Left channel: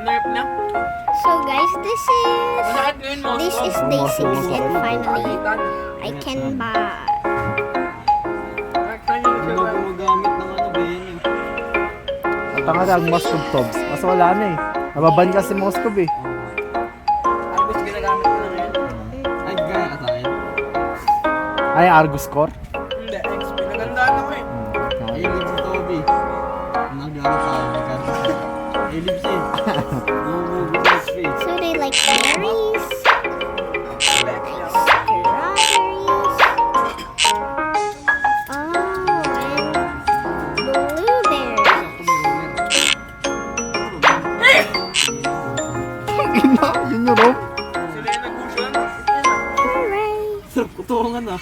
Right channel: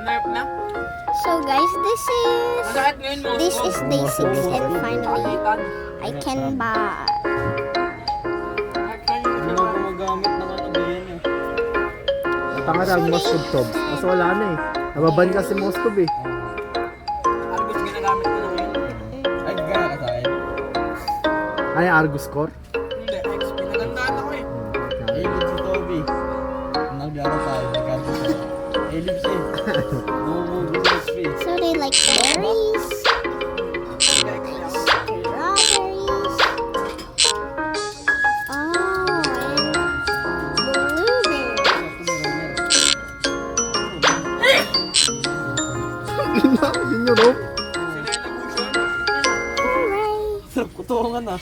Manarap na? So guys, this Masakit ngayon mo. is day 6 and finally Palitan. I can buy. Actually, yung Hindi sila. mo gumagamit ng ano, BN eh. At ang ang Moskov Tobs. Kasi wala na eh. Nababan kasi Moskov eh. Argos ginagamit mo na ngayon. Ay, gaya ka sa akin. Ay, Argus Core. Hindi, XP. Nagandaan ako eh. A-Libs si Toby. Naglaro tayo, nagkano tayo. A-Libs eh. Bumubugo sa XP. So they like berries, strawberries. Oh, and blueberries. Ina, yun yung rope. Sila yung nag-fusion. Hooray! Sarap kutungan ah.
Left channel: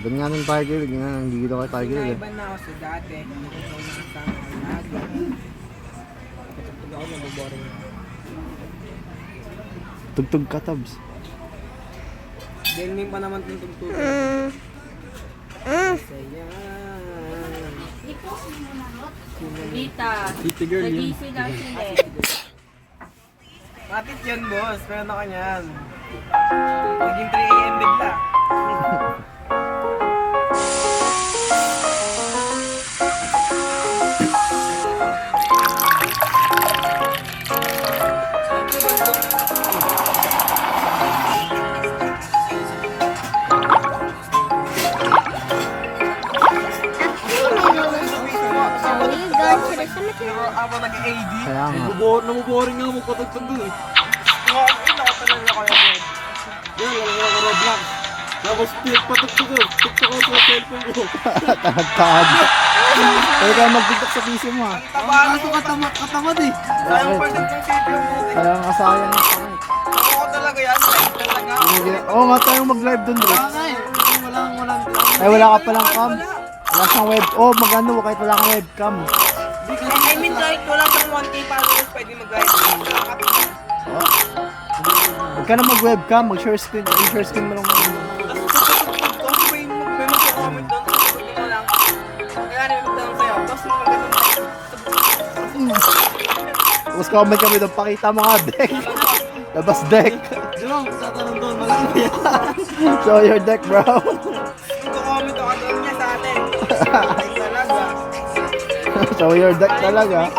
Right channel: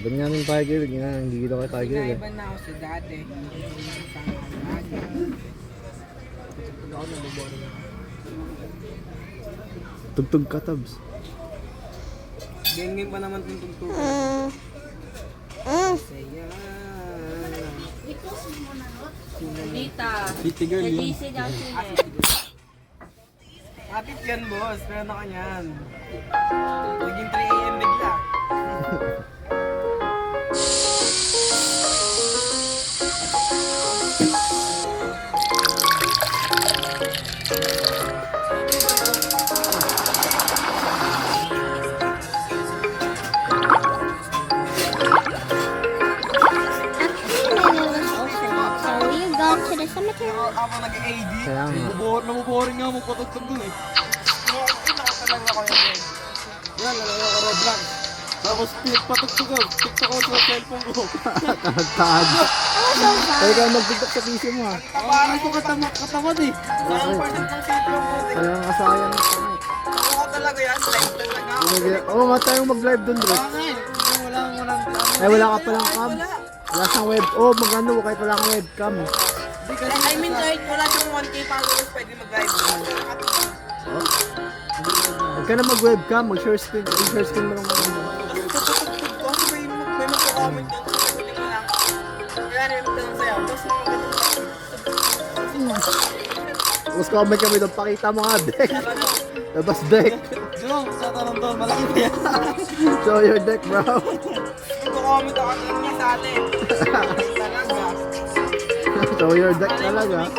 Ganyanin tayo gilid. Ganyan, nanggigilo kayo tayo gilid eh. Iba na ako sa dati. Kapag ako nababoring. Tugtog ka, Tobs. Gaming pa naman itong tugtog. Saya. Dita. City girl yan. Easy na sila. Kapit yan, boss. Meron na kanyan. Naging 3 AM bigla. Actually, my lola's also. So you go to the cemetery? Ako nag-AD. Kaya nga. Nabuboring nga mo patugtog doon eh. Ako talaga ako yun. Yan, lalaki ako Roblox. Tapos patugtog ko. Tiktok ako sa cellphone ko. Tahagtahag. Pwede kayo mag-tiktok sa PC mo ah. Kaso katamad eh. Sayang person ng city yung buti. Kaya nga sayang na kami. Ako talaga yan. Live talaga ako. Oo nga tayong mag-live dun, bro. Wala nga eh. Walang Ay, wala ka palang cam. Wala siyang web. Oh, magano kahit wala kang webcam. I mean, kahit wala siyang 1K followers, pwede mag-live. Oh. Huwag ka na mag-webcam, mag-share screen. I-share screen mo lang. Tapos may mag-comment lang. Hindi mo lang. Kaya nilito lang sa'yo. Tapos maganda. Tapos comment kami doon, pakita mo nga, deck. Labas deck. Jong, sa tanong doon, malaki ba yan? Show your deck, bro. Comment ako din niya sa atin. Ay, talaga. Show your deck talaga.